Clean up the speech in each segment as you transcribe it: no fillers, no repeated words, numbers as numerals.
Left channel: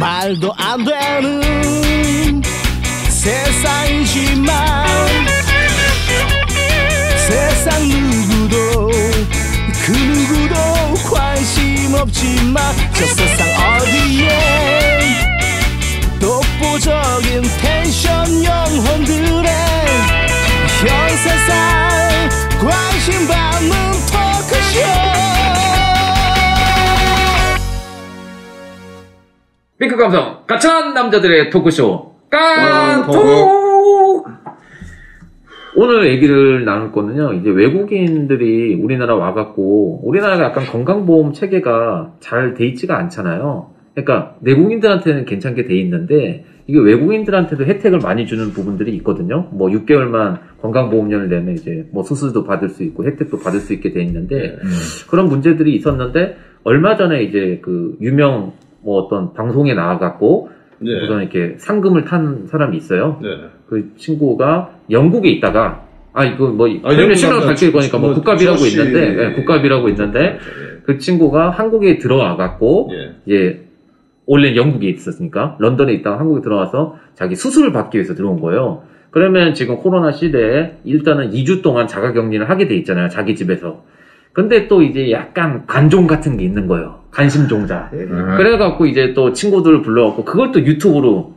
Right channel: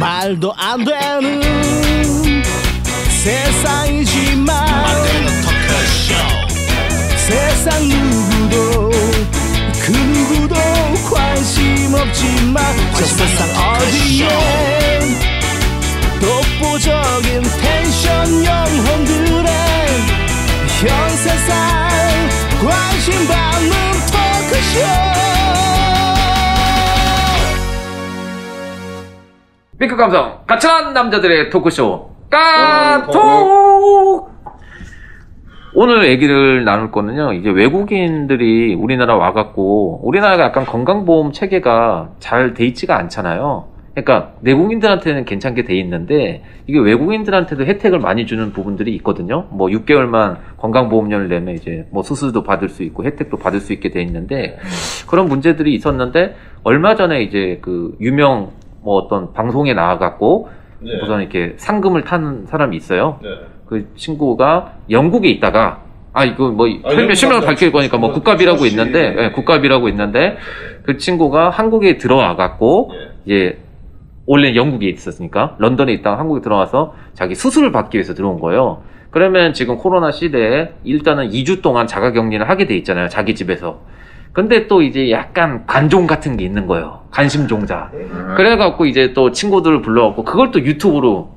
말도 안 되는 세상이지만 세상 누구도 그 누구도 관심 없지만 저 세상 어디에 독보적인 텐션 영혼들의 현 세상 관심 받는 토크쇼. 핑크 감성 가찬 남자들의 토크쇼 깐톡. 오늘 얘기를 나눌 거는요, 이제 외국인들이 우리나라 와갖고 우리나라가 약간 건강보험 체계가 잘 돼 있지가 않잖아요. 그러니까 내국인들한테는 괜찮게 돼 있는데 이게 외국인들한테도 혜택을 많이 주는 부분들이 있거든요. 뭐 6개월만 건강보험료를 내면 이제 뭐 수수도 받을 수 있고 혜택도 받을 수 있게 돼 있는데 그런 문제들이 있었는데 얼마 전에 이제 그 유명 뭐 어떤 방송에 나와갖고 우선 이렇게 상금을 타는 사람이 있어요. 그 친구가 영국에 있다가 이거 뭐 실명을 밝힐 거니까 뭐 국갑이라고 있는데 국갑이라고 있는데 그 친구가 한국에 들어와갖고 이제 원래 영국에 있었으니까 런던에 있다가 한국에 들어와서 자기 수술을 받기 위해서 들어온 거예요. 그러면 지금 코로나 시대에 일단은 2주 동안 자가격리를 하게 돼 있잖아요, 자기 집에서. 근데 또 이제 약간 관종 같은 게 있는 거예요, 관심종자. 그래갖고 이제 또 친구들을 불러갖고 그걸 또 유튜브로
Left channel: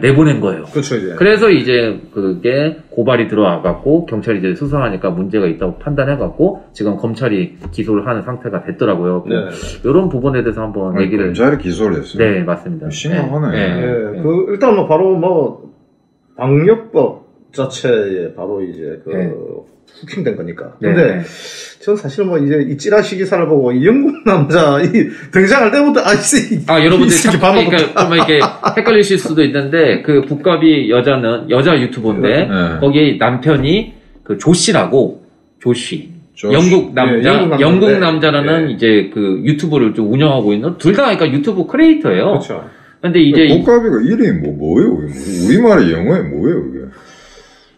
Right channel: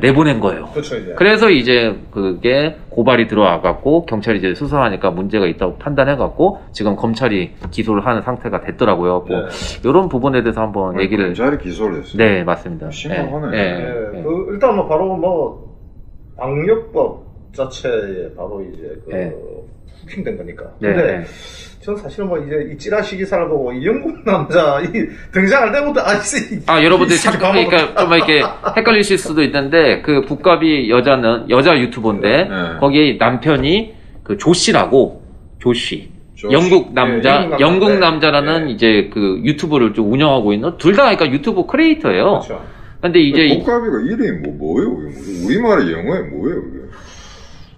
내보낸 거예요. 그렇죠, 이제. 그래서 이제 그게 고발이 들어와갖고 경찰이 이제 수사하니까 문제가 있다고 판단해갖고 지금 검찰이 기소를 하는 상태가 됐더라고요. 이런 부분에 대해서 한번 얘기를. 검찰이 기소를 했어요? 네, 맞습니다. 심각하네. 그 일단 뭐 바로 뭐 방역법 자체에 바로 이제 후킹된 거니까. 근데 전 사실 뭐 이제 이 찌라시 기사를 보고 이 영국 남자 등장할 때부터 여러분들 그러니까 좀 이렇게 헷갈리실 수도 있는데 그 국갑이 여자 유튜버인데 거기 남편이 그 조씨라고 조씨. 영국 영국 남자라는 이제 그 유튜브를 좀 운영하고 있는 둘 다 그러니까 유튜브 크리에이터예요. 그렇죠. 근데 이제 국갑이가 이름이 뭐예요? 우리말이 영어에 뭐예요, 이게?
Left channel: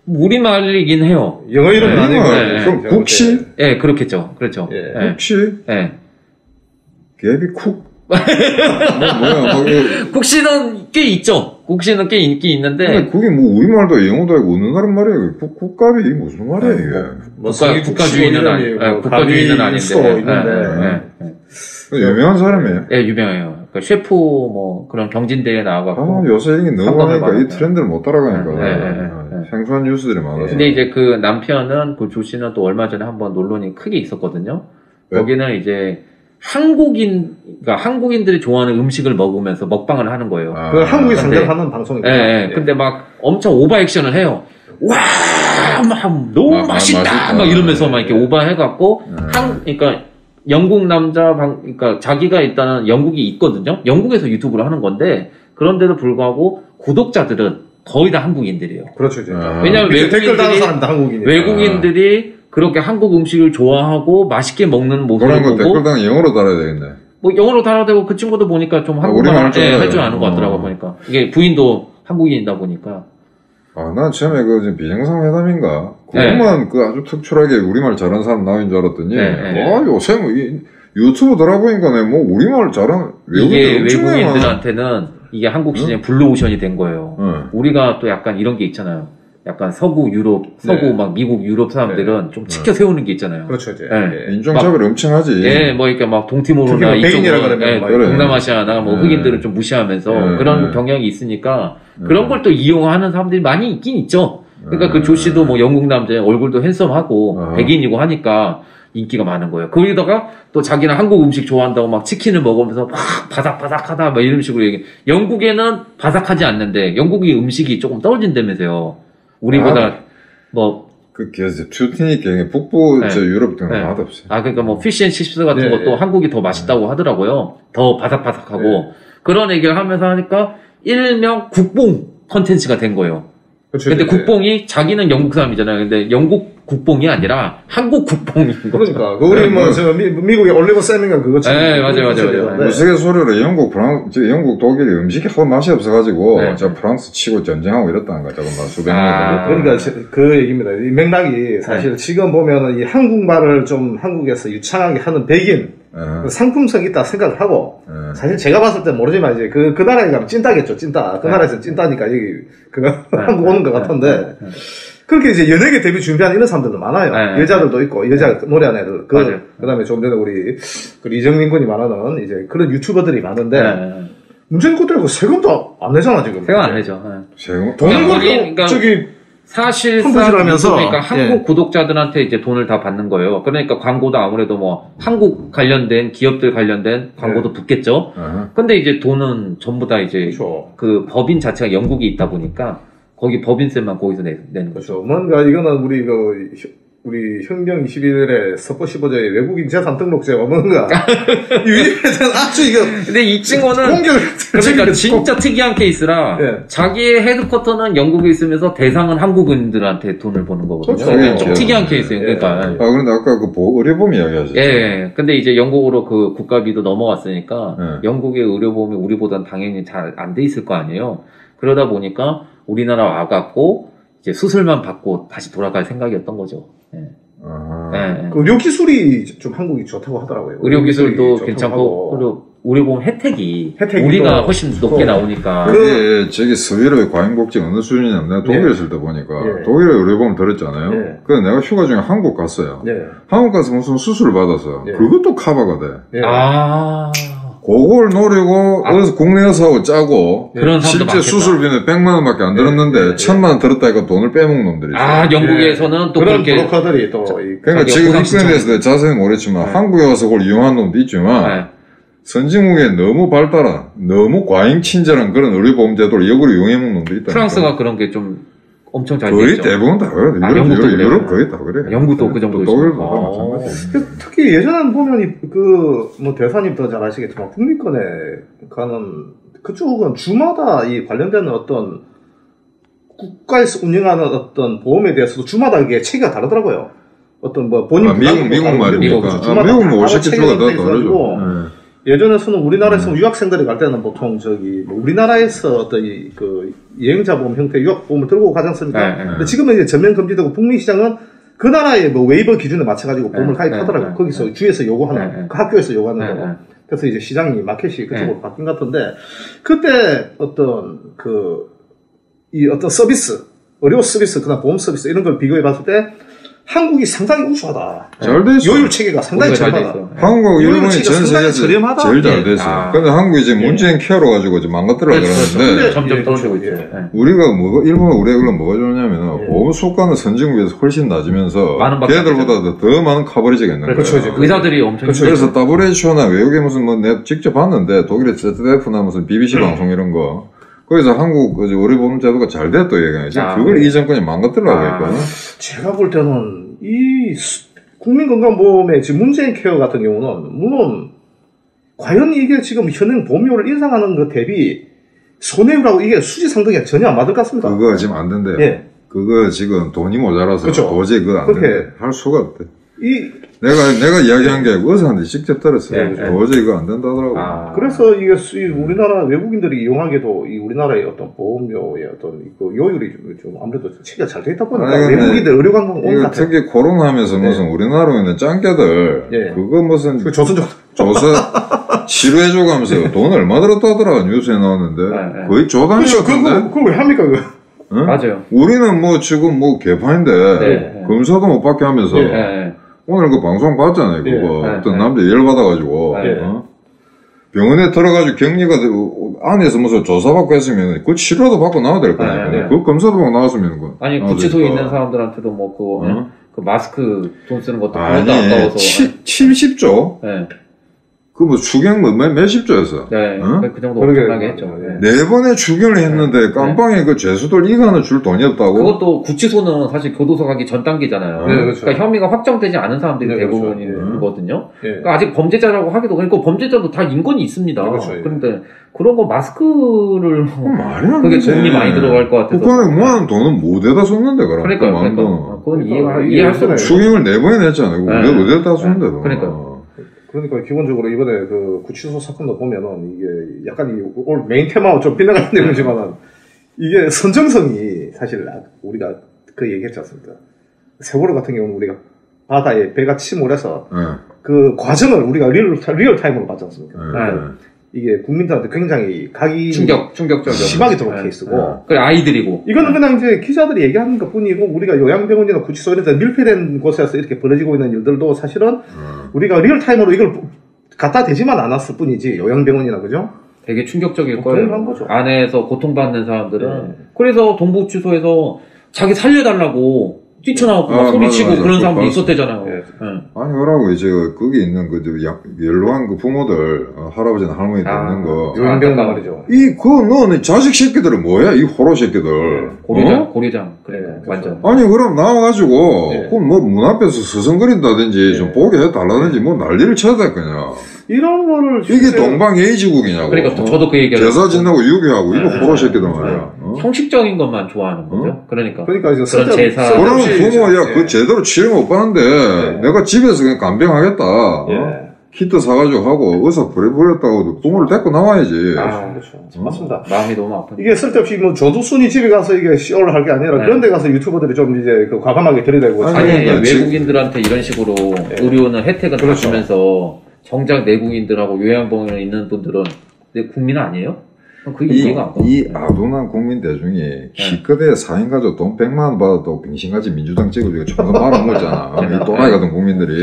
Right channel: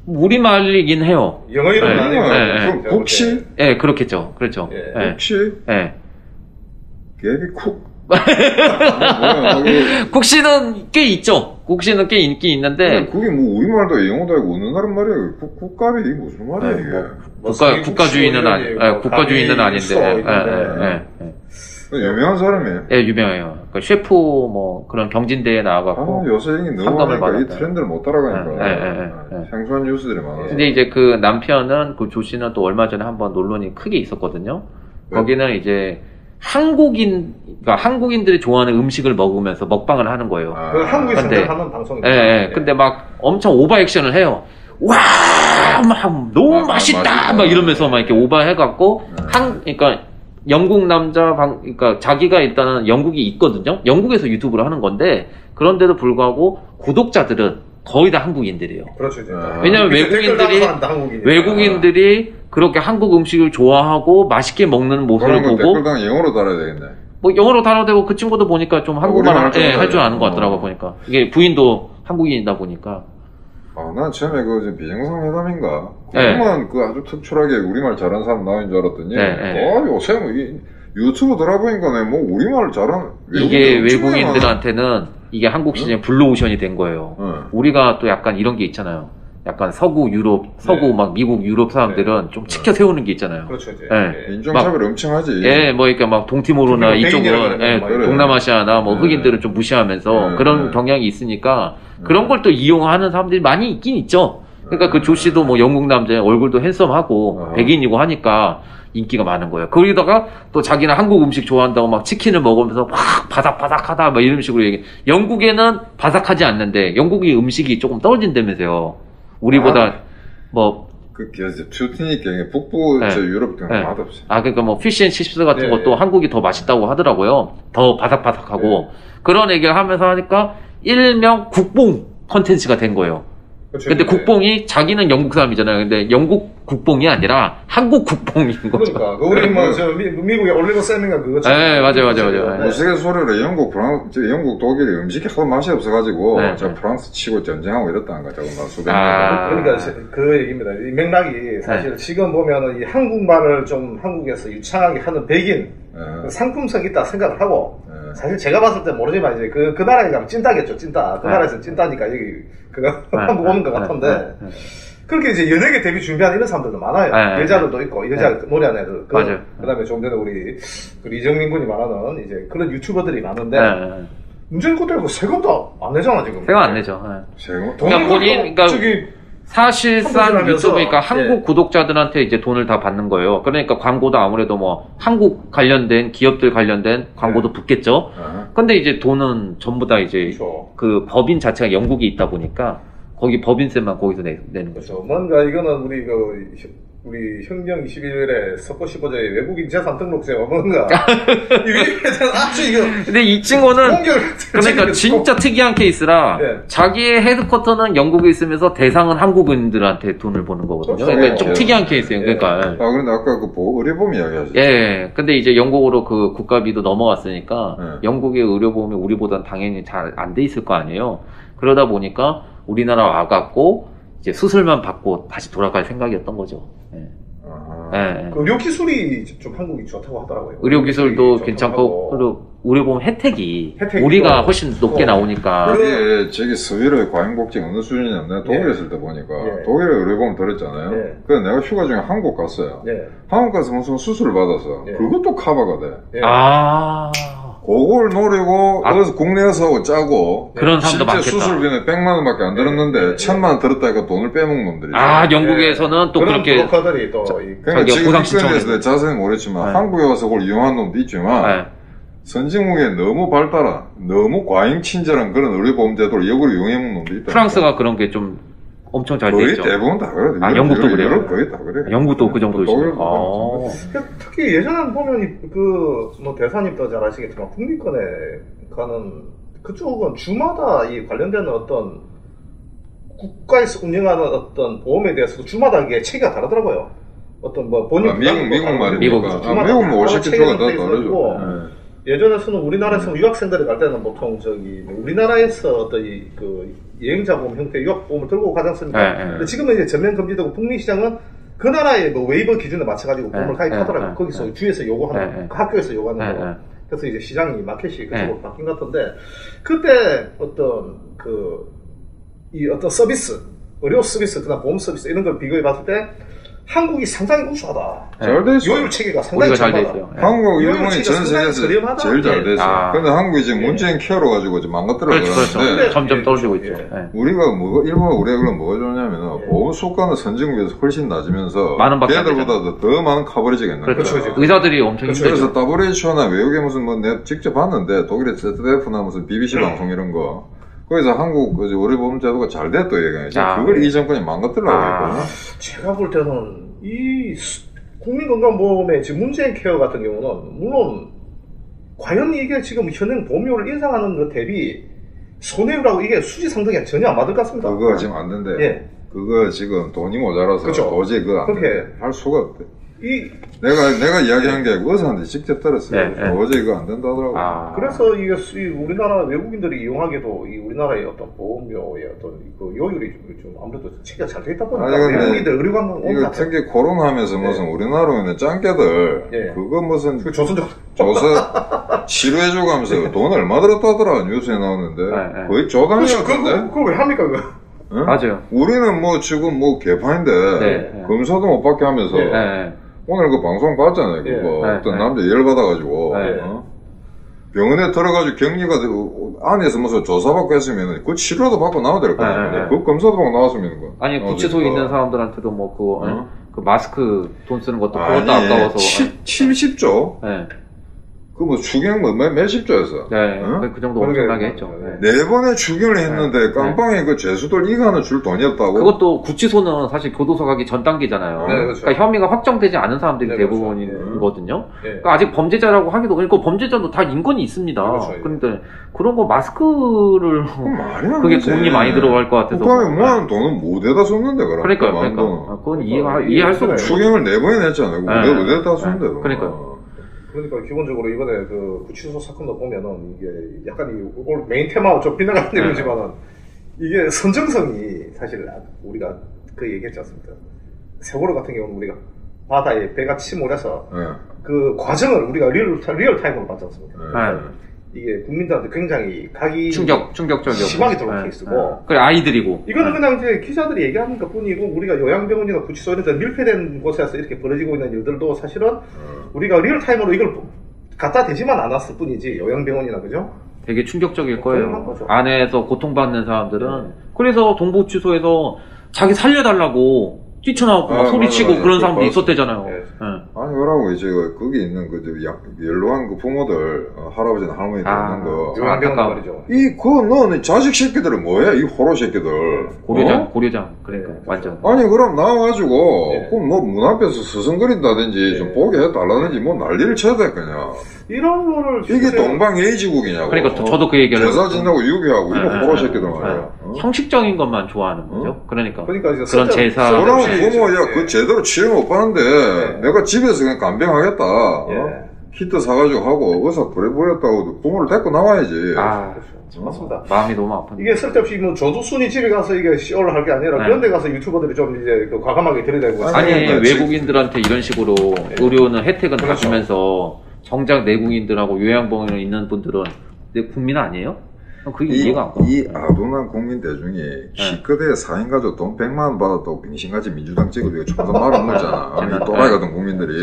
우리말이긴 해요. 영어 이름 그럼 국시? 네, 그렇겠죠. 그렇죠. 국시? 네. 개비 쿡? 뭐야? 국시는 꽤 있죠. 국시는 꽤 인기 있는데. 근데 그게 뭐 우리말도 영어도 아니고 어느 나라 말이에요? 국갑이 무슨 말이에요, 이게? 국가주의는 아닌데. 유명한 사람이에요? 네, 유명해요. 그러니까 셰프 뭐 그런 경진대회에 나와갖고. 요새 이게 너무 많으니까 이 트렌드를 못 따라가니까. 생소한 뉴스들이 많아서. 근데 이제 그 남편은, 그 조 씨는 또 얼마 전에 한번 논란이 크게 있었거든요. 거기는 이제 그러니까 한국인들이 좋아하는 음식을 먹으면서 먹방을 하는 거예요. 그걸 한국이 상대하는 방송이에요. 근데 막 엄청 오버 액션을 해요. 와, 막 너무 맛있다! 막 이러면서 막 이렇게 오버 해갖고, 그러니까 영국 남자 그러니까 자기가 일단은 영국이 있거든요. 영국에서 유튜브를 하는 건데, 그런데도 불구하고 구독자들은 거의 다 한국인들이에요. 그렇죠. 왜냐면 외국인들이 그렇게 한국 음식을 좋아하고 맛있게 먹는 모습을 보고. 댓글당 영어로 달아야 되겠네. 뭐 영어로 달아야 되고 그 친구도 보니까 좀 한국말 할 줄 아는 것 같더라고 보니까. 이게 부인도 한국인이다 보니까. 난 처음에 그 비정상회담인가? 그것만 그 아주 특출하게 우리말 잘하는 사람 나온 줄 알았더니, 요새 뭐 유튜브 들어보니까 뭐 우리말 잘하는 이게 외국인들한테는 이게 한국 시장의 블루오션이 된 거예요. 우리가 또 약간 이런 게 있잖아요. 약간 서구 유럽, 막 미국, 유럽 사람들은 좀 치켜 세우는 게 있잖아요. 그렇죠. 인종차별 엄청 하지. 뭐 이렇게 막 동티모르나 이쪽은, 동남아시아나 뭐 흑인들은 좀 무시하면서 그런 경향이 있으니까 그런 걸 또 이용하는 사람들이 많이 있긴 있죠. 그러니까 그 조 씨도 뭐 영국 남자 얼굴도 핸섬하고 백인이고 하니까 인기가 많은 거예요. 거기다가 또 자기는 한국 음식 좋아한다고 막 치킨을 먹으면서 막 바삭바삭하다 막 이런 식으로 얘기. 영국에는 바삭하지 않는데 영국의 음식이 조금 떨어진다면서요. 우리보다 튜티니까 북부 유럽 등은 맛없어요. 그러니까 뭐 피쉬앤칩스 같은 것도 한국이 더 맛있다고 하더라고요. 더 바삭바삭하고 그런 얘기를 하면서 하니까 일명 국뽕 컨텐츠가 된 거예요. 근데 국뽕이 자기는 영국 사람이잖아요. 근데 영국 국뽕이 아니라 한국 국뽕인 거죠. 그러니까 우리 미국의 올리버 쌤인가 그거 네, 맞아요. 우스갯소리로 영국, 독일이 음식이 하도 맛이 없어가지고 저 프랑스 치고 전쟁하고 이랬다는 거죠. 수백 년 그러니까 그 얘기입니다. 이 맥락이 사실 지금 보면은 이 한국말을 좀 한국에서 유창하게 하는 백인 상품성이 있다 생각을 하고 사실 제가 봤을 때 모르지만 이제 그 나라에 가면 찐따겠죠. 찐따. 그 나라에서 찐따니까 그거 한국 오는 것 같은데. 그렇게 이제 연예계 데뷔 준비하는 이런 사람들도 많아요. 여자들도 있고, 여자 노래하는 애들. 그 다음에 조금 전에 우리, 이정민 군이 말하는 이제 그런 유튜버들이 많은데, 문제는 그것도 세금도 안 내잖아, 지금. 세금 안 내죠. 세금? 그러니까 사실상 유튜브니까 한국 구독자들한테 이제 돈을 다 받는 거예요. 그러니까 광고도 아무래도 뭐 한국 관련된 기업들 관련된 광고도 붙겠죠. 근데 이제 돈은 전부 다 이제 그 법인 자체가 영국이 있다 보니까 거기 법인세만 거기서 내는 거죠. 뭔가 이거는 우리 혁명 21일에 석고 15조의 외국인 재산 등록제가 뭔가 아주 이게 근데 이 친구는 그러니까 진짜 특이한 케이스라 자기의 헤드쿼터는 영국에 있으면서 대상은 한국인들한테 돈을 버는 거거든요. 그러니까 좀 특이한 케이스예요. 그러니까 그런데 아까 그 의료보험 이야기하셨죠. 근데 이제 영국으로 그 국가비도 넘어갔으니까 영국의 의료보험이 우리보다는 당연히 잘 안 돼 있을 거 아니에요. 그러다 보니까 우리나라 와갖고 이제 수술만 받고 다시 돌아갈 생각이었던 거죠. 그 의료 기술이 좀 한국이 좋다고 하더라고요. 의료 기술도 괜찮고, 그리고 의료보험 혜택이 우리가 훨씬 높게 나오니까. 저기 스위로의 과잉복지 어느 수준이냐면 내가 독일에 있을 때 보니까 독일에 의료보험 들었잖아요. 그래서 내가 휴가 중에 한국 갔어요. 한국 가서 무슨 수술을 받아서 그것도 커버가 돼. 그걸 노리고 국내에서 하고 짜고 실제 수술비는 100만 원밖에 안 들었는데 1000만 원 들었다니까 돈을 빼먹는 놈들이 있어요. 영국에서는 또 그런 그렇게 브로커들이 또 그러니까 지금 익스에 대해서 자세히 모르겠지만 한국에 와서 그걸 이용한 놈도 있지만 선진국에 너무 발달한 너무 과잉 친절한 그런 의료보험 제도를 역으로 이용해먹는 놈도 있다. 프랑스가 그런 게 좀 엄청 잘 돼 거의 있죠. 대부분 다 그래요. 영국도 그래요. 유럽 거의 다 그래요. 영국도 그 정도 독일도 특히 예전에 보면 뭐 대사님도 잘 아시겠지만 국민권에 가는 그쪽은 주마다 이 관련된 어떤 국가에서 운영하는 어떤 보험에 대해서도 주마다 이게 체계가 다르더라고요. 어떤 뭐 본인 미국 말입니까? 미국 뭐 50주가 다 다르죠. 예전에서는 우리나라에서 유학생들이 갈 때는 보통 우리나라에서 어떤 그 여행자 보험 형태의 유학 보험을 들고 가지 않습니까? 근데 지금은 이제 전면 금지되고 북미 시장은 그 나라의 뭐 웨이버 기준에 맞춰가지고 보험을 가입하더라고요. 거기서 주에서 요구하는 그 학교에서 요구하는 거. 그래서 이제 시장이 마켓이 그쪽으로 바뀐 것 같은데 그때 어떤 이 어떤 서비스, 의료 서비스, 그다음 보험 서비스 이런 걸 비교해 봤을 때 한국이 상당히 우수하다. 잘 돼 있어요. 요율 체계가 상당히 저렴하다. 한국하고 일본이 전 세계에서 제일 잘 돼 있어요. 근데 한국이 이제 문재인 케어로 가지고 이제 망가뜨려 그러는데 점점 떨어지고 있죠. 우리가 일본은 우리가 뭐가 좋냐면 보험 수가는 선진국에서 훨씬 낮으면서 걔들보다 더 많은 커버리지가 있는 거예요. 의사들이 엄청 그래서 WHO나 외국에 무슨 뭐 내가 직접 봤는데 독일의 ZDF나 무슨 BBC 방송 이런 거 거기서 한국 의료보험 제도가 잘 됐다 얘기하지. 그걸 이 정권이 망가뜨리려고 했거든요. 제가 볼 때는 이 국민건강보험의 지금 문재인 케어 같은 경우는 물론 과연 이게 지금 현행 보험료를 인상하는 것 대비 손해율하고 이게 수지 상승이 전혀 안 맞을 것 같습니다. 그거 지금 안 된대. 그거 지금 돈이 모자라서 도저히 그거 안 된대. 할 수가 없대. 내가 이야기한 게 의사한테 직접 들었어요. 도저히 이거 안 된다더라고. 그래서 이게 우리나라 외국인들이 이용하게도 이 우리나라의 어떤 보험료의 어떤 그 요율이 좀 아무래도 체계가 잘 돼 있다 보니까 외국인들 의료관광 오는 것 같아요. 특히 코로나 하면서 무슨 우리나라에 있는 짱깨들 그거 무슨 조사 치료해주고 하면서 돈 얼마 들었다더라 뉴스에 나왔는데 거의 조단위 같은데. 그거 왜 합니까 그거? 응? 맞아요. 우리는 뭐 지금 뭐 개판인데 검사도 못 받게 하면서 오늘 그 방송 봤잖아요. 그거 어떤 남자 열받아가지고 병원에 들어가지고 격리가 안에서 무슨 조사받고 했으면 그 치료도 받고 나와야 될 거 아니에요. 그 검사도 받고 나왔으면 그 아니 구치소에 있는 사람들한테도 뭐 그거 그 마스크 돈 쓰는 것도 아까워서 70조? 그 뭐 추경 뭐 몇십 조였어. 네. 그 정도 엄청나게 했죠. 네 번의 추경을 했는데 깜빵에 그 죄수들 이간을 줄 돈이 없다고? 그것도 구치소는 사실 교도소 가기 전 단계잖아요. 네, 그렇죠. 그러니까 혐의가 확정되지 않은 사람들이 네, 대부분이거든요. 네. 그러니까 아직 범죄자라고 하기도, 그러니까 범죄자도 다 인권이 있습니다. 그렇죠. 그런데 그런 거 마스크를 말이 안 그게 되지. 돈이 많이 들어갈 것 같아서. 북한에 모아놓은 돈은 못에다 썼는데 그럼. 그러니까 그건 이해할 수 없어요. 추경을 4번이나 했잖아요. 어디에다 썼는데. 그러니까. 그러니까 기본적으로 이번에 그 구치소 사건도 보면은 이게 약간 오늘 메인 테마와 좀 빗나가는 내용이지만은 이게 선정성이 사실 우리가 그 얘기했지 않습니까? 세월호 같은 경우는 우리가 바다에 배가 침몰해서 그 과정을 우리가 리얼타임으로 봤지 않습니까? 이게 국민들한테 굉장히 각이 충격적이죠. 심하게 들어온 케이스고. 그 아이들이고. 이거는 그냥 이제 기자들이 얘기하는 것 뿐이고, 우리가 요양병원이나 구치소 이런 데 밀폐된 곳에서 이렇게 벌어지고 있는 일들도 사실은 우리가 리얼타임으로 이걸 갖다 대지만 않았을 뿐이지, 요양병원이나, 그죠? 되게 충격적일 거예요. 거죠. 안에서 고통받는 사람들은. 그래서 동부구치소에서 자기 살려달라고 뛰쳐나오고 소리치고 맞아. 그런 사람도 있었대잖아요. 아니, 그러고 이제 거기 있는 그 연로한 그 부모들, 할아버지나 할머니들 있는 거. 요양병원 말이죠. 너는 자식 새끼들은 뭐야? 이 호로 새끼들. 고려장. 그러니까 완전. 아니, 그럼 나와가지고, 그럼 뭐 문 앞에서 서성거린다든지 좀 보게 해달라든지 뭐 난리를 쳐야 될 거냐. 이런 거를. 이게 동방예의지국이냐고. 그러니까 저도 그 얘기하죠. 제사 지내고 유교하고 이거 호로 새끼들 말이야. 형식적인 것만 좋아하는 거죠. 그러니까 이제 그런 제사. 그러면 부모야 그 제대로 치료 못 받는데 내가 집에서 그냥 간병하겠다. 키트 사가지고 하고 의사 부려버렸다고 부모를 데리고 나와야지. 그렇죠. 맞습니다. 마음이 너무 아프네. 이게 쓸데없이 뭐 저두순이 집에 가서 이게 쇼를 할 게 아니라 그런 데 가서 유튜버들이 좀 이제 그 과감하게 들이대고. 외국인들한테 이런 식으로 의료는 혜택은 다 주면서 정작 내국인들하고 요양병원에 있는 분들은 국민 아니에요? 그게 이해가 안 가. 이 아둔한 국민 대중이 기껏해 4인 가족 돈 100만 원 받아도 빙신같이 민주당 찍어주고 총선 말아먹었잖아. 이 또라이 같은 국민들이.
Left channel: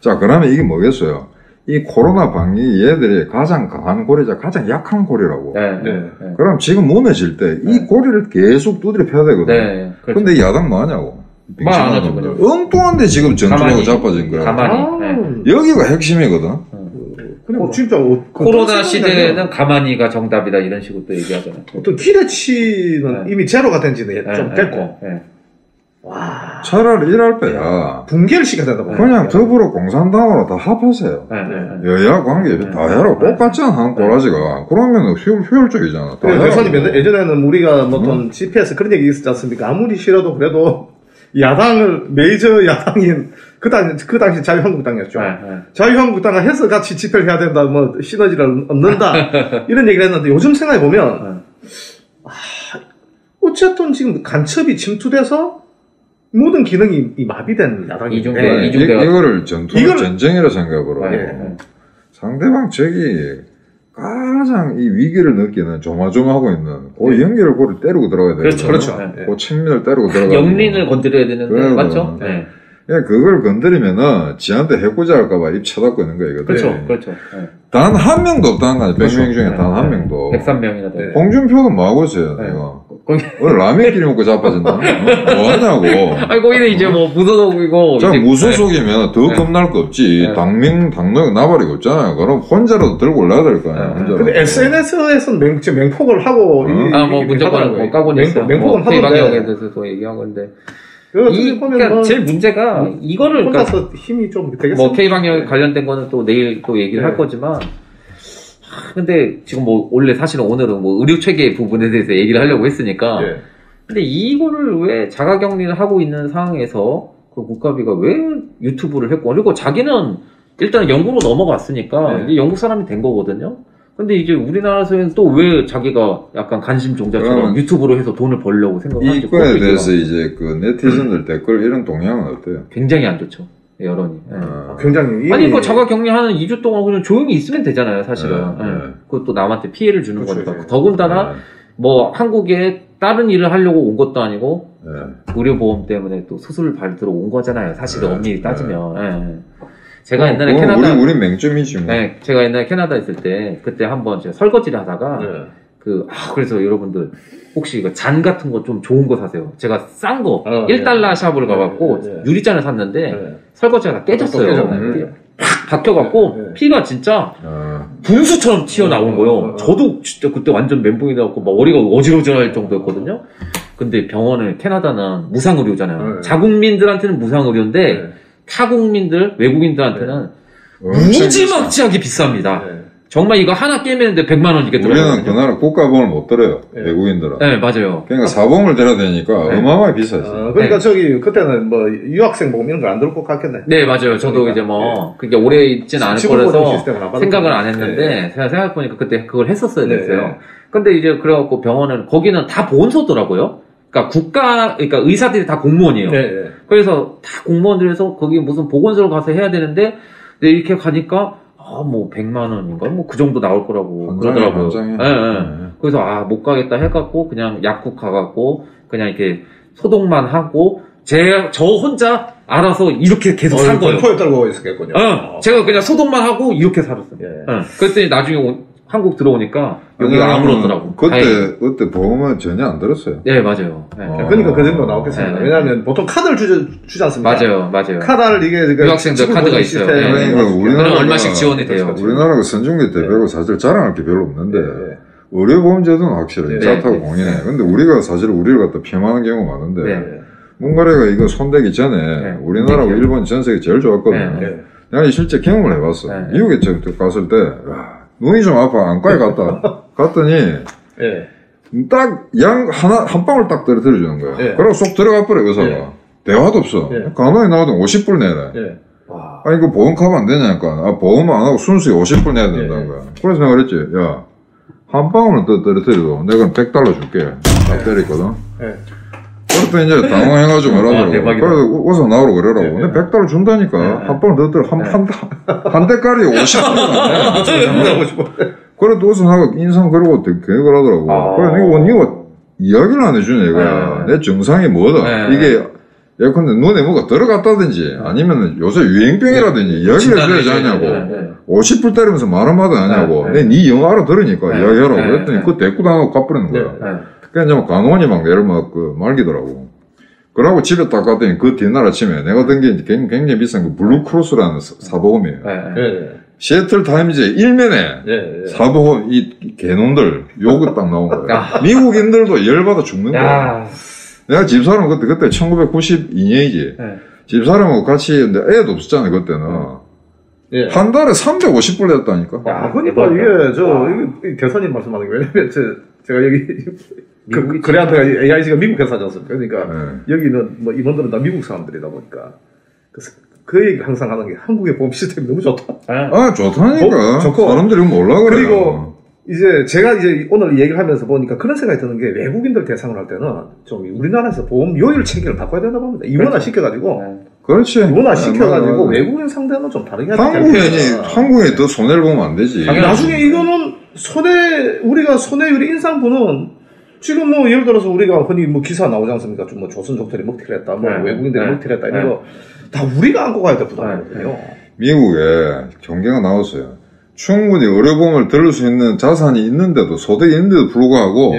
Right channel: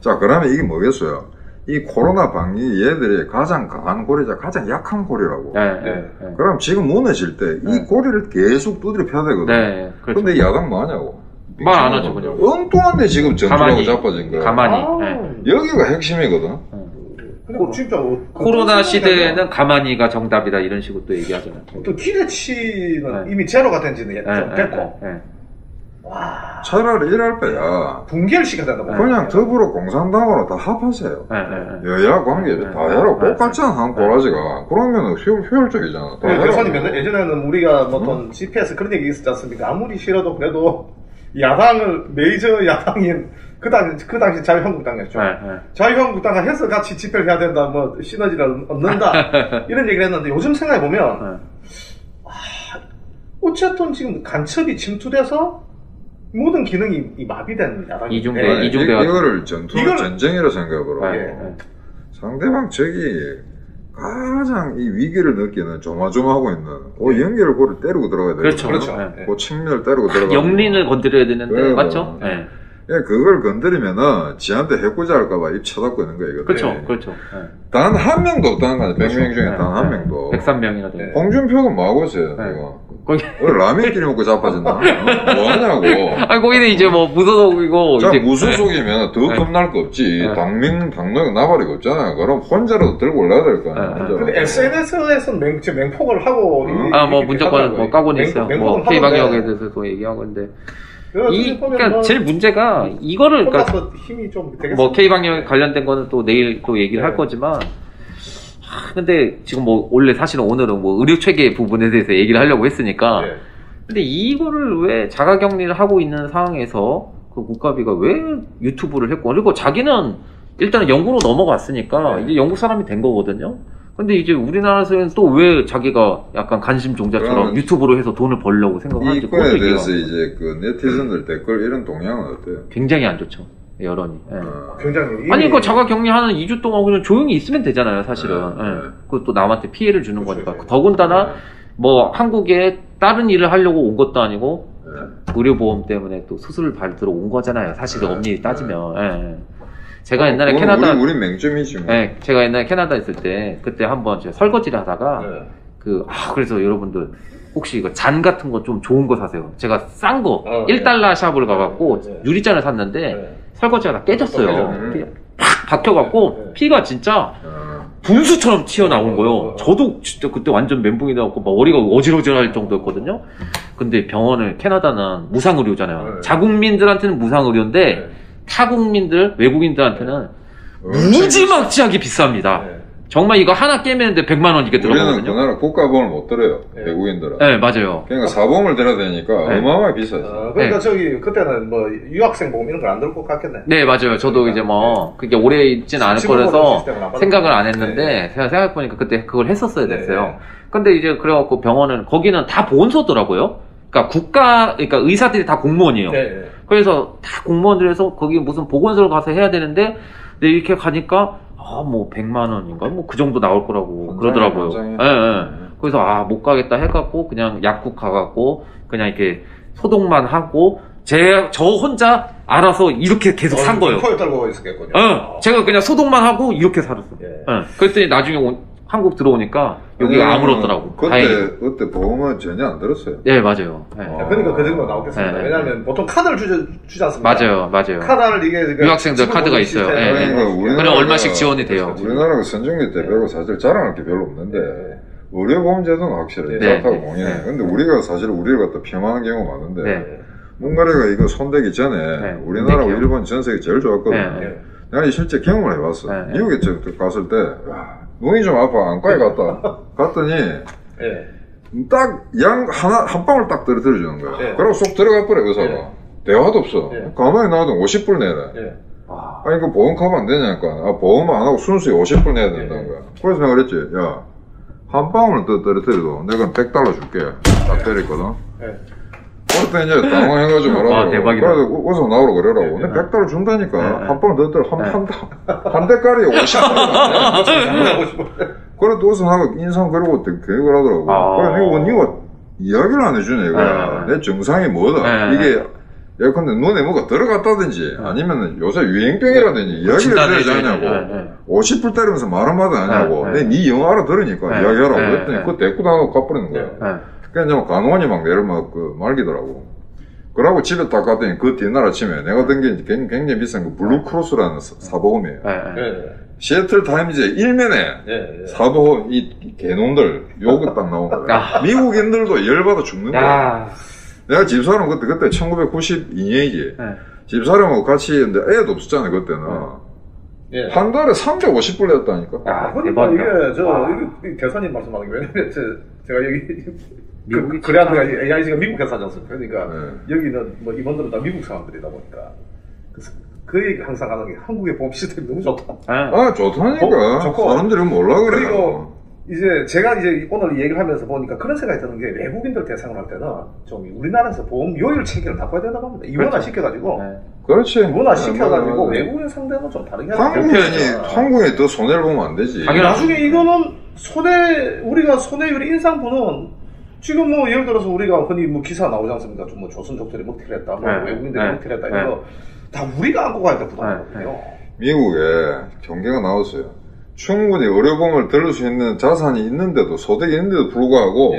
자, 그러면 이게 뭐겠어요? 이 코로나 방위 얘들이 가장 강한 고리자, 가장 약한 고리라고. 그럼 지금 무너질 때 이 고리를 계속 두드려 펴야 되거든. 그런데 이 야당 뭐 하냐고. 말 안 하죠, 그냥. 엉뚱한데 지금 전투하고 자빠진 거야. 가만히. 여기가 핵심이거든. 진짜 코로나 시대에는 가만히가 정답이다 이런 식으로 또 얘기하잖아요. 또 기대치는 이미 제로가 된 지는 좀 됐고. 와. 차라리 이럴 때야. 붕괴를 시켜야 된다고. 그냥 더불어 공산당으로 다 합하세요. 여야 관계 다 해라. 똑같잖아, 한 꼬라지가. 그러면 효율적이잖아. 교수님, 예전에는 우리가 뭐 어떤 GPS 그런 얘기 있었지 않습니까? 아무리 싫어도 그래도 야당을, 메이저 야당인, 그 당시 자유한국당이었죠. 자유한국당을 해서 같이 집회를 해야 된다, 뭐, 시너지를 얻는다, 이런 얘기를 했는데, 요즘 생각해보면, 어쨌든 지금 간첩이 침투돼서 모든 기능이 마비된 야당이 이거를 전쟁이라 생각해보라. 상대방 적이 가장 이 위기를 느끼는 조마조마하고 있는 그 연결을 고를 때리고 들어가야 되거든요. 그렇죠. 그 측면을 때리고 들어가야 영린을 건드려야 되는데 맞죠? 그걸 건드리면은 지한테 해코지 할까봐 입 쳐닫고 있는 거야, 이거. 그렇죠. 단 한 명도 없다는 거 아니야. 100명 중에 단 한 명도. 103명이라도. 홍준표는 뭐 하고 있어요, 이거. 오늘 라면끼리 먹고 자빠진다? 뭐 하냐고. 거기는 이제 뭐 무소속이고. 자, 무소속이면 더 겁날 거 없지. 당명 나발이가 없잖아요. 그럼 혼자라도 들고 올라야 될 거 아니야, 혼자라도. 근데 SNS에서는 맹폭을 하고. 무조건 뭐 까고는 있어요. K방역에서도 얘기하고 있는데. 그러니까 제일 문제가 이거를 혼자서 힘이 좀 되겠습니다. 뭐 K방역 관련된 거는 또 내일 또 얘기를 할 거지만 근데 지금 뭐 원래 사실은 오늘은 뭐 의료 체계 부분에 대해서 얘기를 하려고 했으니까 근데 이거를 왜 자가격리를 하고 있는 상황에서 그 국가비가 왜 유튜브를 했고 그리고 자기는 일단은 영국으로 넘어갔으니까 이제 영국 사람이 된 거거든요. 근데 이제 우리나라에서는 또 왜 자기가 약간 관심 종자처럼 유튜브로 해서 돈을 벌려고 생각하는지. 이거에 대해서 이제 그 네티즌들 댓글 이런 동향은 어때요? 굉장히 안 좋죠. 여론이. 굉장히. 아니, 그 자가 격리하는 2주 동안 그냥 조용히 있으면 되잖아요, 사실은. 그것도 남한테 피해를 주는 거니까. 더군다나, 뭐, 한국에 다른 일을 하려고 온 것도 아니고, 의료보험 때문에 또 수술을 받으러 온 거잖아요, 사실은 엄밀히 따지면. 제가 옛날에 캐나다. 우리 맹점이지 뭐. 제가 옛날에 캐나다 있을 때, 그때 한번 제가 설거지를 하다가, 그래서 여러분들, 혹시 이거 잔 같은 거 좀 좋은 거 사세요. 제가 싼 거, 1달러 샵을 가갖고, 유리잔을 샀는데, 설거지가 다 깨졌어요. 팍 박혀갖고 피가 진짜 분수처럼 튀어나온 거예요. 저도 진짜 그때 완전 멘붕이 나갖고 막 머리가 어지러질할 정도였거든요. 근데 병원을 캐나다는 무상의료잖아요. 자국민들한테는 무상의료인데 타국민들, 외국인들한테는 무지막지하게 비쌉니다. 정말 이거 하나 깨매는데 100만 원 이게 들어가요. 우리는 그 나라 국가보험을 못 들어요. 외국인들은. 네, 맞아요. 그러니까 사보험을 들어야 되니까 어마어마하게 비싸요. 그러니까 저기 그때는 뭐 유학생 보험 이런 걸 안 들을 것 같겠네. 네, 맞아요. 저도 그러니까. 이제 뭐 그게 오래 있진 않을 거라서 생각을 안 했는데 제가 생각해보니까 그때 그걸 했었어야 됐어요. 근데 이제 그래갖고 병원은 거기는 다 보건소더라고요. 그러니까 그러니까 의사들이 다 공무원이에요. 그래서 다 공무원들에서 거기 무슨 보건소를 가서 해야 되는데 근데 이렇게 가니까 뭐 100만 원인가 뭐 그 정도 나올 거라고 그러더라고요. 그래서 못 가겠다 해갖고 그냥 약국 가갖고 그냥 이렇게 소독만 하고 저 혼자 알아서 이렇게 계속 산 거예요. 코에 떨고 있었겠군요. 제가 그냥 소독만 하고 이렇게 살았어요. 그랬더니 나중에 한국 들어오니까 여기가 아무렇더라고. 그때 보험은 전혀 안 들었어요. 네, 맞아요. 그러니까 그 정도 나오겠습니다. 왜냐하면 보통 카드를 주지 않습니까? 맞아요. 카드를 이게 유학생들 카드가 있어요. 그러니까 그럼 얼마씩 지원이 돼요. 우리나라가 선진국 때 배고 사실 자랑할 게 별로 없는데 의료보험제도는 확실해. 짜타고 공인해. 근데 우리가 사실 우리를 갖다 폄하하는 경우가 많은데 몽가레가 이거 손대기 전에 우리나라하고 일본 전세계 제일 좋았거든요. 내가 실제 경험을 해봤어. 미국에 갔을 때 눈이 좀 아파. 안과에 갔더니 딱 한 방울 딱 떨어뜨려 주는 거야. 그러고 쏙 들어가 버려 의사가. 대화도 없어. 가만히 나와도 50불 내래. 아니 그 보험 카면 안 되냐니까. 보험 안 하고 순수히 50불 내야 된다는 거야. 그래서 내가 그랬지. 야 한 방울을 떨어뜨려도 내가 $100 줄게. 딱 때렸거든. 그랬더니 이제 당황해가지고 뭐라고. 그래서 어서 나오라 그러라고. 근데 $100 준다니까. 한 방울 더 떨어. 한 대가리 50불이나. 그래도 어서 나가 인상 그러고 계획을 하더라고. 그래, 니가 이야기를 안 해주네, 이거야. 내 증상이 뭐다. 이게, 예컨대 눈에 뭐가 들어갔다든지, 아니면 요새 유행병이라든지 이야기를 해줘야지 하냐고. 50불 때리면서 말 한마디 하냐고. 니 영어 알아들으니까 이야기하라고. 그랬더니 그거 대꾸 당하고 가버리는 거야. 그러니까 간호원이 막 내를 말기더라고. 그러고 집에 딱 갔더니 그 뒤날 아침에 내가 든 게 굉장히 비싼 그 블루크로스라는 사보험이에요. 시애틀 타임즈의 일면에 사보험 이 개놈들 요거 딱 나온 거야. 미국인들도 열받아 죽는 거야. 내가 집사람 그때 1992년이지. 집사람하고 같이 했는데 애도 없었잖아요 그때는. 한 달에 350불 냈다니까. 그러니까 이게 대선님 말씀하는 게 왜냐면 제가 여기 그래한테 AIG가 미국 회사지 않습니까? 그러니까 여기는 뭐 임원들은 다 미국 사람들이다 보니까 그 얘기 항상 하는 게 한국의 보험 시스템이 너무 좋다. 좋다니까. 사람들이 몰라 그래. 그리고 이제 제가 이제 오늘 얘기를 하면서 보니까 그런 생각이 드는 게 외국인들 대상으로 할 때는 좀 우리나라에서 보험 요율 체계를 바꿔야 된다고 합니다. 이원화 시켜가지고. 그렇지. 이원화 시켜가지고 외국인 상대는 좀 다르게 한국인이 더 손해를 보면 안 되지. 나중에 이거는 우리가 손해율이 인상분은 지금 뭐 예를 들어서 우리가 흔히 뭐 기사 나오지 않습니까? 좀 뭐 조선족들이 먹튀를 했다, 뭐 외국인들이 먹튀를 했다 이런 거 다 우리가 안고 가야 될 부담이거든요. 미국에 경계가 나왔어요. 충분히 의료보험을 들을 수 있는 자산이 있는데도 소득이 있는데도 불구하고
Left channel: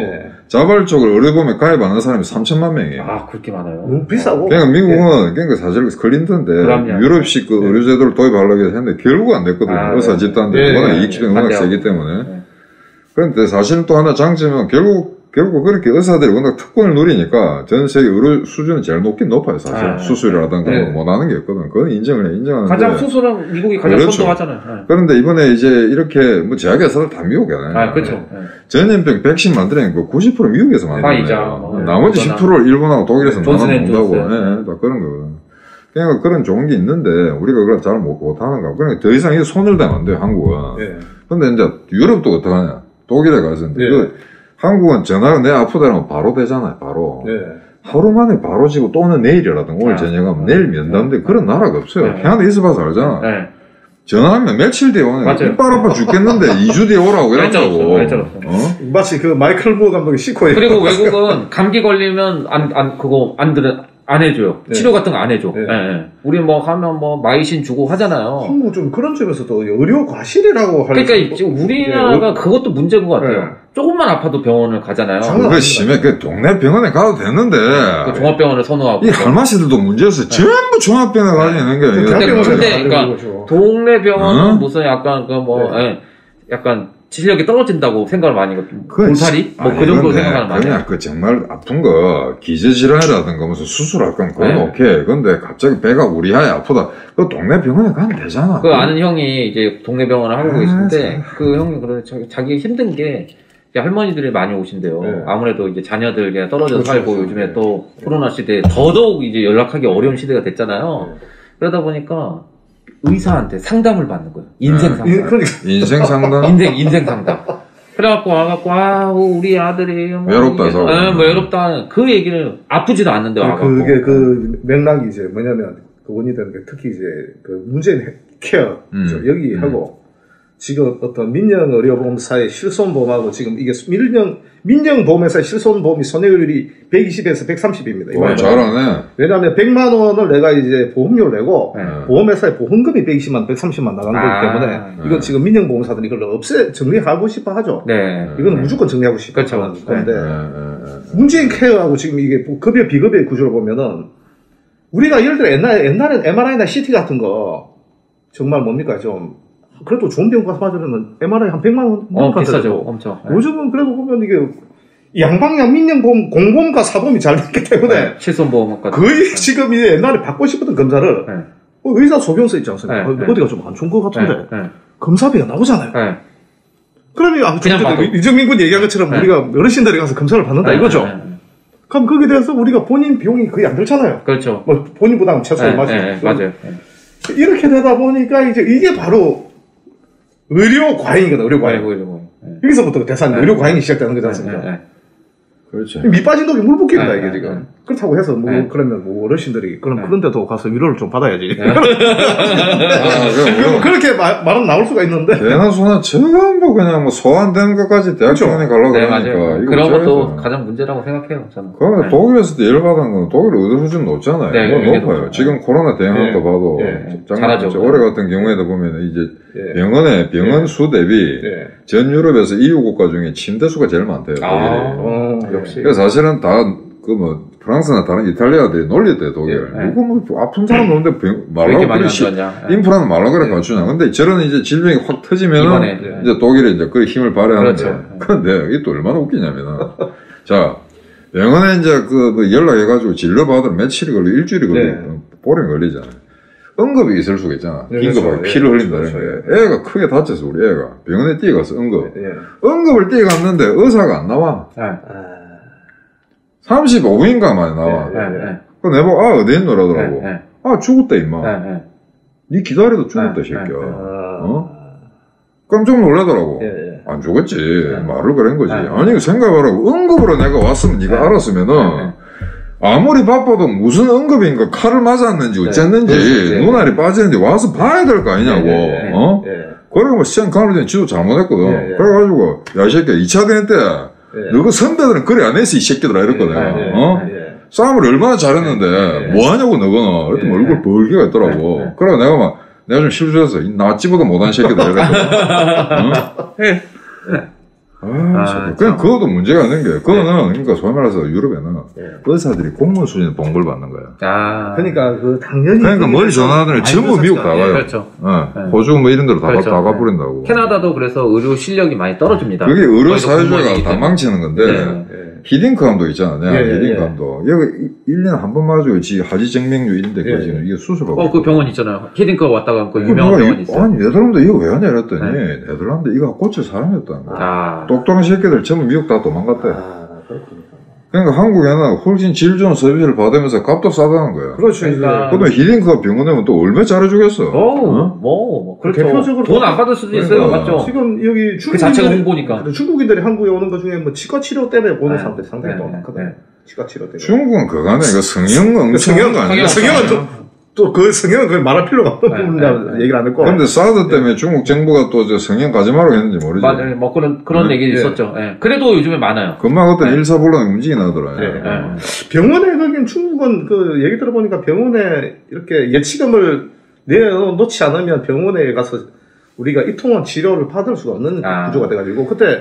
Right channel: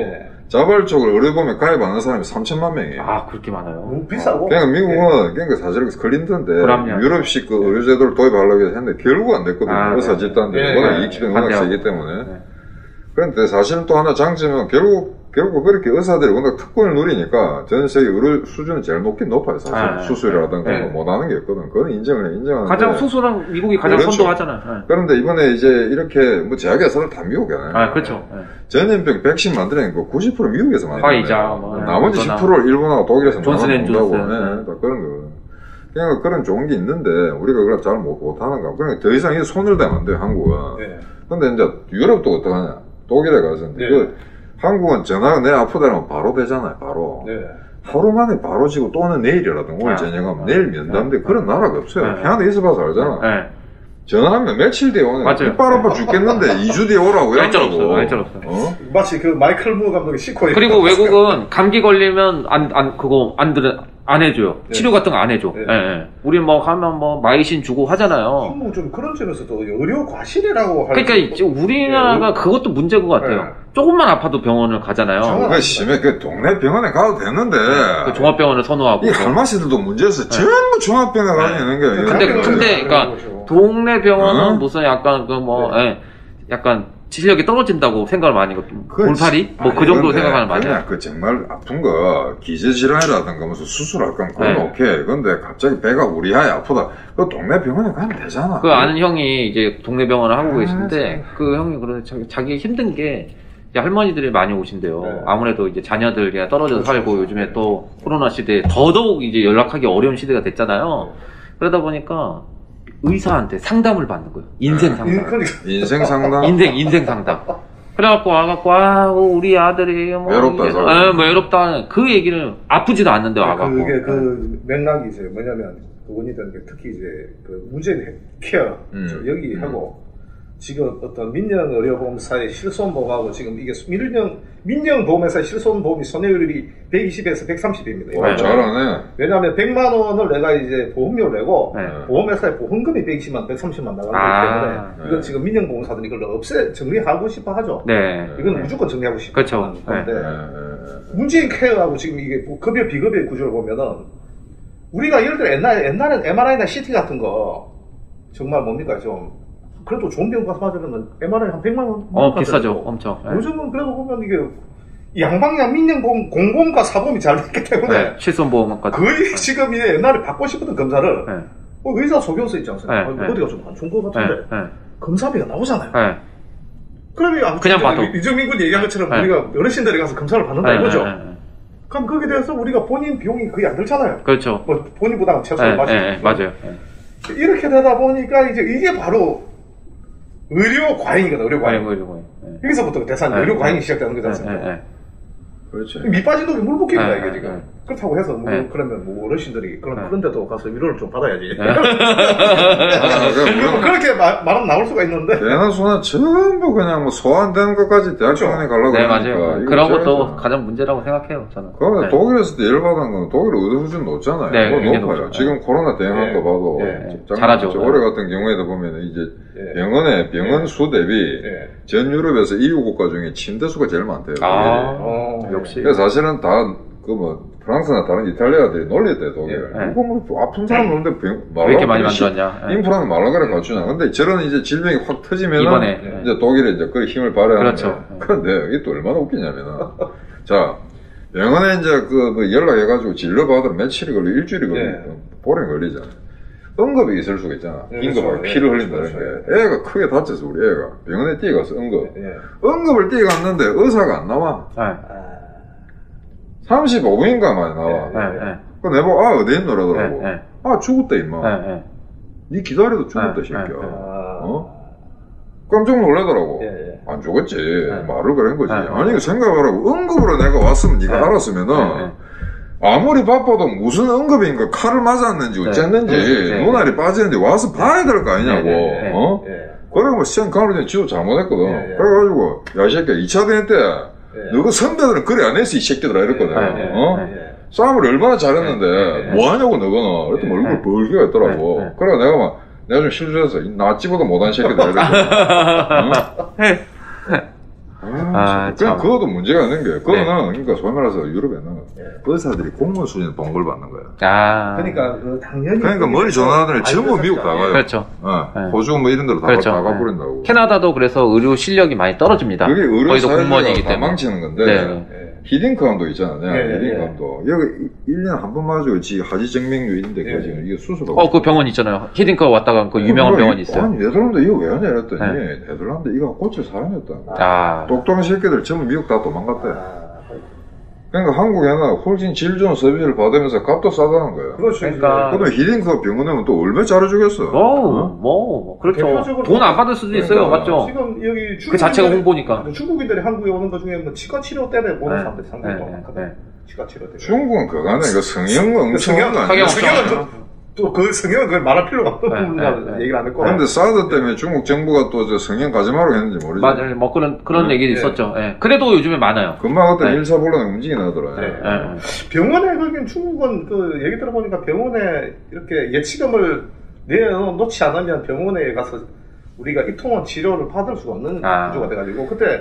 자발적으로 의료보험에 가입하는 사람이 3천만 명이에요. 그렇게 많아요? 너무 비싸고. 그러니까 미국은 그러니까 사실 클린턴인데 유럽식 그 의료 제도를 도입하려고 해서 했는데 결국 안 됐거든요. 의사 집단들이 워낙 이익집단이 워낙 세기 때문에. 그런데 사실은 또 하나 장점은 결국 그렇게 의사들이 워낙 특권을 누리니까 전 세계 의료 수준은 제일 높아요, 사실. 수술이라든가 뭐 못하는 게 없거든. 그건 인정하는데. 가장 수술은 미국이 가장 선도하잖아요. 그런데 이번에 이제 이렇게 뭐 제약회사들 다 미국이잖아요. 그렇죠. 전염병 백신 만드는 거 90% 미국에서 만드는 나머지 10%를 일본하고 독일에서 나눠먹는다고. 다 그런 거거든. 그러니까 그런 좋은 게 있는데 우리가 그걸 잘 못하는 거. 그러니까 더 이상 손을 대면 안 돼요, 한국은. 근데 이제 유럽도 어떡하냐. 독일에 가서. 한국은 전화가 내 아프다면 바로 되잖아요, 바로. 하루 만에 바로 지고 또는 내일이라든가 오늘 저녁하면 내일 면담인데 그런 나라가 없어요. 캐나다 있어봐서 알잖아. 전화하면 며칠 뒤에 오네. 이빨 아파 죽겠는데 2주 뒤에 오라고 이런다고. 마치 그 마이클 무 감독이 시코에. 그리고 외국은 감기 걸리면 안 안 해줘요. 네. 치료 같은 거 안 해줘. 네. 네. 우리 뭐 가면 뭐 마이신 주고 하잖아요. 한국 좀 그런 점에서도 의료 과실이라고 하는. 그러니까 지금 우리나라가 그것도 문제인 것 같아요. 조금만 아파도 병원을 가잖아요. 그거 심해. 그 동네 병원에 가도 되는데. 그 종합병원을 선호하고. 이 할머니들도 문제였어. 전부 종합병원에 가게 있는 거예요. 근데 그러니까 동네 병원은 무슨 약간 약간 지식력이 떨어진다고 생각을 많이 하거든요. 골파리? 뭐 그 정도 생각하는 많이. 그냥 그 정말 아픈 거, 기저질환이라든가 무슨 수술할 건 그건 오케이. 근데 갑자기 배가 우리하에 아프다. 그 동네 병원에 가면 되잖아. 그 아는 형이 이제 동네 병원을 하고 계신데, 그 형이 그러는 자기 힘든 게, 할머니들이 많이 오신대요. 아무래도 이제 자녀들 그냥 떨어져서 살고 요즘에 또 코로나 시대에 더더욱 이제 연락하기 어려운 시대가 됐잖아요. 그러다 보니까, 의사한테 상담을 받는 거예요. 인생 상담. 인생 상담? 인생 상담. 그래갖고 와갖고, 우리 아들이 뭐. 외롭다, 뭐 외롭다. 그 얘기를 아프지도 않는데 와갖고. 그게 그 맥락이 이제 뭐냐면, 그원이든 특히 이제 그 문재인 케어, 여기 하고, 지금 어떤 민영의료보험사의 실손보험하고 지금 이게 민영보험회사의 실손보험이 손해율이 120에서 130입니다. 와, 잘하네. 왜냐하면 100만 원을 내가 이제 보험료를 내고 보험회사의 보험금이 120만, 130만 나가는 거기 때문에 이건 지금 민영보험사들이 이걸 정리하고 싶어 하죠. 네. 이건 무조건 정리하고 싶어 그렇죠. 하는데 문재인 케어하고 지금 이게 급여 비급여 구조를 보면은 우리가 예를 들어 옛날엔 MRI나 CT 같은 거 정말 뭡니까 좀 그래도 좋은 병원 가서 받으려면 MRI 한 100만 원 비싸죠. 엄청. 요즘은 그래도 보면 이게 양방향 민영보험 공보험과 사보험이 잘 됐기 때문에 실손보험까지 거의 지금 이제 옛날에 받고 싶었던 검사를 의사 소견서 있지 않습니까? 어디가 좀 안 좋은 것 같은데 검사비가 나오잖아요. 그러면 그냥 봐도 이정민 군 얘기한 것처럼 우리가 어르신들이 가서 검사를 받는다 이거죠. 그럼 거기에 대해서 우리가 본인 비용이 거의 안 들잖아요. 그렇죠. 뭐 본인 부담 최소한 맞아요. 이렇게 되다 보니까 이제 이게 바로 의료 과잉이거든, 의료 과잉. 여기서부터 대상 의료 과잉이 시작되는 거지 않습니까? 그렇죠. 밑 빠진 독에 물 붓기입니다, 이게 지금. 그렇다고 해서, 그러면 어르신들이, 그런 데도 가서 위로를 좀 받아야지. 그렇게 말은 나올 수가 있는데. 대나 소나 전부 그냥 뭐 소환되는 것까지 대학병원에 가려고 그러니까. 그런 것도 가장 문제라고 생각해요, 저는. 그러면 독일에서도 열받은 건 독일 의료 수준 높잖아요. 뭐 높아요. 지금 코로나 대응한 거 봐도. 잘하죠. 올해 같은 경우에도 보면 이제 병원 수 대비 전 유럽에서 EU 국가 중에 침대 수가 제일 많대요. 역시. 그래서 사실은 프랑스나 다른 이탈리아들이 놀렸대, 독일. 이거 뭐 아픈 사람 오는데 말라고 그래. 인프라는 말라고 그래 갖추냐. 근데 저런 이제 질병이 확 터지면은 이제 독일에 이제 그 힘을 발휘하는 거예요. 근데 이게 또 얼마나 웃기냐면은 자, 병원에 이제 연락해가지고 진료받으면 며칠이 걸리고 일주일이 걸리고 보름 걸리잖아요. 응급이 있을 수가 있잖아. 긴급하게 피를 흘린다는 게. 애가 크게 다쳐서 우리 애가 병원에 뛰어가서 응급을 뛰어갔는데 의사가 안 나와. 35분인가 만에 나와. 그 내보고 어디 있노라더라고. 죽었다 임마. 니 기다려도 죽었다 새끼야. 깜짝 놀라더라고. 안 죽었지. 말을 그런 거지. 아니 생각하라고. 응급으로 내가 왔으면 네가 알았으면은 아무리 바빠도 무슨 응급인가 칼을 맞았는지 어쨌는지 눈알이 빠지는데 와서 봐야 될 거 아니냐고. 그러고 시장 가면 전에 지도 잘못했거든. 그래가지고 야 이 새끼야 2차 대회 때 너그 선배들은 그래 안 했어 이 새끼들아 이랬거든. 싸움을 얼마나 잘했는데 뭐하냐고 너거는. 그랬더니 얼굴 벌게가 있더라고. 그래 내가 좀 실수했어. 나찌보다 못한 새끼들 이랬거든. 그냥 그것도 문제가 있는 게, 그거는, 그러니까 소위 말해서 유럽에는 의사들이 공무원 수준의 봉급을 받는 거야. 그러니까 당연히. 그러니까 머리 전화하더니 전부 미국 다 가요. 그렇죠. 호주 뭐 이런 데로 다 가버린다고. 캐나다도 그래서 의료 실력이 많이 떨어집니다. 그게 의료 사회주의가 다 망치는 건데, 히딩크 감독 있잖아. 히딩크 감독. 여기 1년에 한 번 맞아요. 하지정맥류 이런데, 지금 이게 수술하고. 그 병원 있잖아요. 히딩크 왔다가 그 유명한 병원 있어요. 아니, 네덜란드 이거 왜 하냐 이랬더니, 네덜란드 이거 고칠 사람이었다는 거야. 똑똑한 새끼들 전부 미국 다 도망갔대. 그러니까 한국에는 훨씬 질 좋은 서비스를 받으면서 값도 싸다는 거야. 그렇죠. 그러면 히딩크가 병원 오면 또 얼마 잘해주겠어. 그렇죠. 돈 안 받을 수도 있어요. 맞죠? 지금 여기 그 자체가 홍보니까. 중국인들이 한국에 오는 것 중에 뭐 치과 치료 때문에 보는 사람들이 상당히 많거든. 치과 치료 때문에. 중국은 그거네. 이거 성형 엉성한 거 아니야? 또 그 성향은 그 말할 필요가 없는 부분이라고 얘기를 안 했고. 근데 사드 때문에 중국 정부가 또 저 성향 가지 말라고 했는지 모르지. 맞아요. 뭐 그런 얘기 있었죠. 예. 그래도 요즘에 많아요. 금방 어떤 일사불란 움직이 나더라고요. 병원에 거긴 중국은 그 얘기 들어보니까 병원에 이렇게 예치금을 내놓지 않으면 병원에 가서 우리가 이통원 치료를 받을 수가 없는 구조가 돼가지고 그때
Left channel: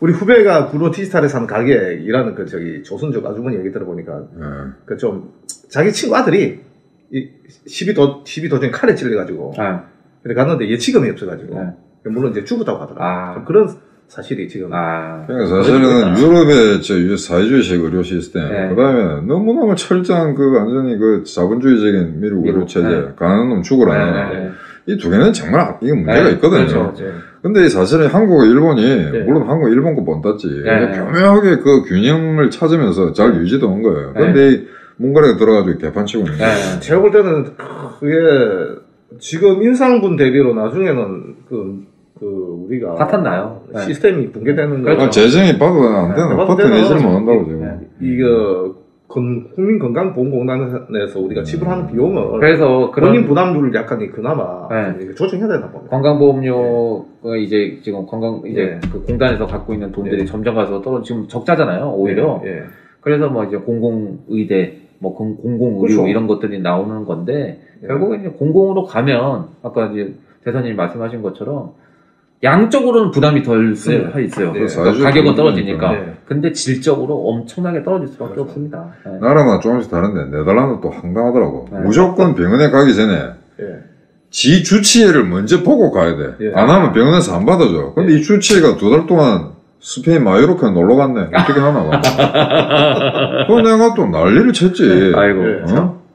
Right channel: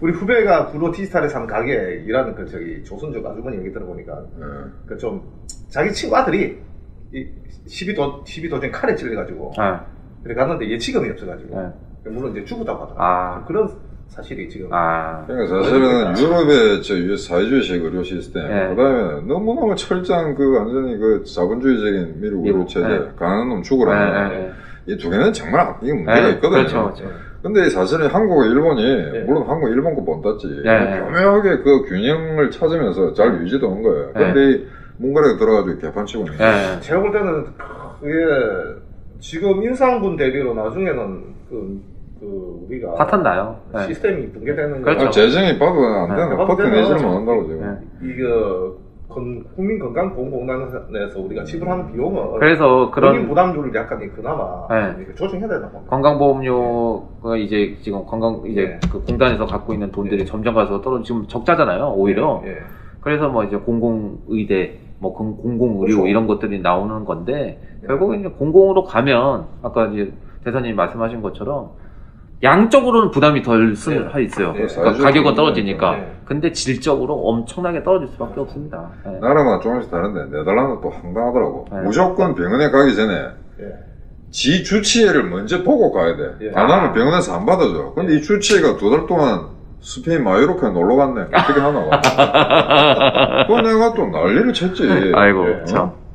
우리 후배가 구로 디지털에서 한 가게 일하는 그 저기 조선족 아주머니 얘기 들어보니까 그 좀 자기 친구 아들이 이 12도중 칼에 찔려가지고 그래 갔는데 예치금이 없어가지고 물론 이제 죽었다고 하더라고요. 그런 사실이 지금. 그러니까 사실은 유럽의 저 사회주의식 의료 시스템, 그다음에 너무너무 철저한 그 완전히 그 자본주의적인 미국 의료 체제, 가난한 놈 죽으라. 이 두 개는 정말 이게 문제가 있거든요. 그렇죠. 근데 사실은 한국과 일본이 물론 한국 일본 거 본땄지 교묘하게 그 균형을 찾으면서 잘 유지되는 거예요. 근데 문가락에 들어가지고 개판치고 있는 거예요. 제가 볼 때는 그게 지금 인상분 대비로 나중에는 우리가 파탄 나요. 시스템이 붕괴되는 그렇죠. 재정이 봐도 안 되는 퍼트 내지를 못한다고 지금. 이거 국민건강보험공단에서 우리가 지불하는 비용을 그래서 본인 부담률을 약간 그나마 조정해야 되나 봅니다. 건강보험료가 이제 지금 그 공단에서 갖고 있는 돈들이 점점 가서 지금 적자잖아요. 오히려. 그래서 뭐 이제 공공의대, 뭐 공공의료 그렇죠. 이런 것들이 나오는 건데 결국은 이제 공공으로 가면 아까 이제 대사님이 말씀하신 것처럼 양적으로는 부담이 덜 있어요. 그러니까 가격은 떨어지니까. 근데 질적으로 엄청나게 떨어질 수밖에 없습니다. 나라마다 조금씩 다른데 네덜란드 또 황당하더라고. 무조건 병원에 가기 전에 지 주치의를 먼저 보고 가야 돼. 안 하면 병원에서 안 받아줘. 근데 이 주치의가 2달 동안 스페인 마요르카에 놀러 갔네. 어떻게 하나 봐. 그거 내가 또 난리를 쳤지. 아이고.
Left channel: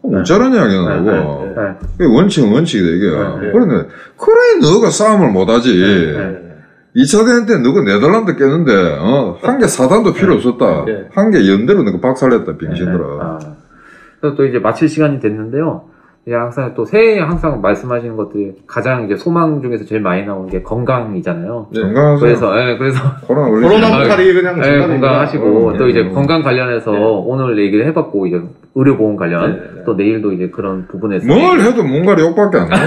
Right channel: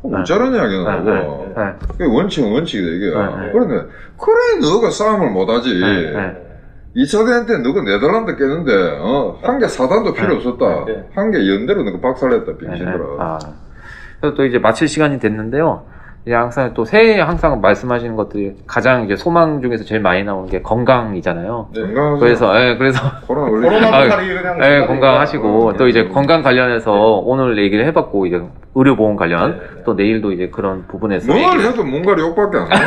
어쩌라냐, 걔는 하고. 원칙은 원칙이다, 이게. 그런데, 그래, 너가 싸움을 못하지. 2차 대전 때 너가 네덜란드 깼는데, 한 개 사단도 필요 없었다. 한 개 연대로 너가 박살냈다, 병신들아. 그래서 또 이제 마칠 시간이 됐는데요. 항상 또 새해에 항상 말씀하시는 것들이 가장 이제 소망 중에서 제일 많이 나오는 게 건강이잖아요. 그래서 코로나 그냥 건강하시고 또 이제 건강 관련해서 오늘 얘기를 해봤고 이제 의료보험 관련 또 내일도 이제 그런 부분에서 뭘 해도 뭔가 욕밖에 안 나.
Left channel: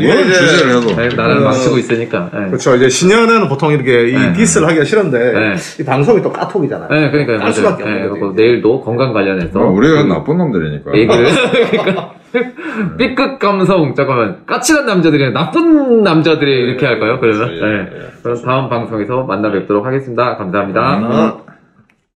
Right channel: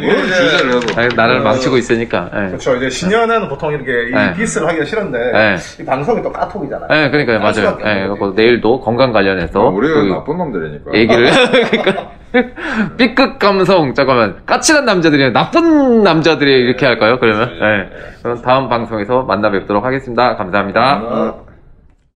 뭘 주제를 해도 나라를 망치고 있으니까. 그렇죠. 이제 신년에는 보통 이렇게 이 디스를 하기가 싫은데 이 방송이 또 까톡이잖아요. 그러니까요, 맞아요. 내일도 건강 관련해서 우리가 나쁜 놈들이니까 얘기를. B급 감성, 잠깐만. 까칠한 남자들이 나쁜 남자들이 이렇게 할까요? 그러면? 그럼 다음 방송에서 만나 뵙도록 하겠습니다. 감사합니다.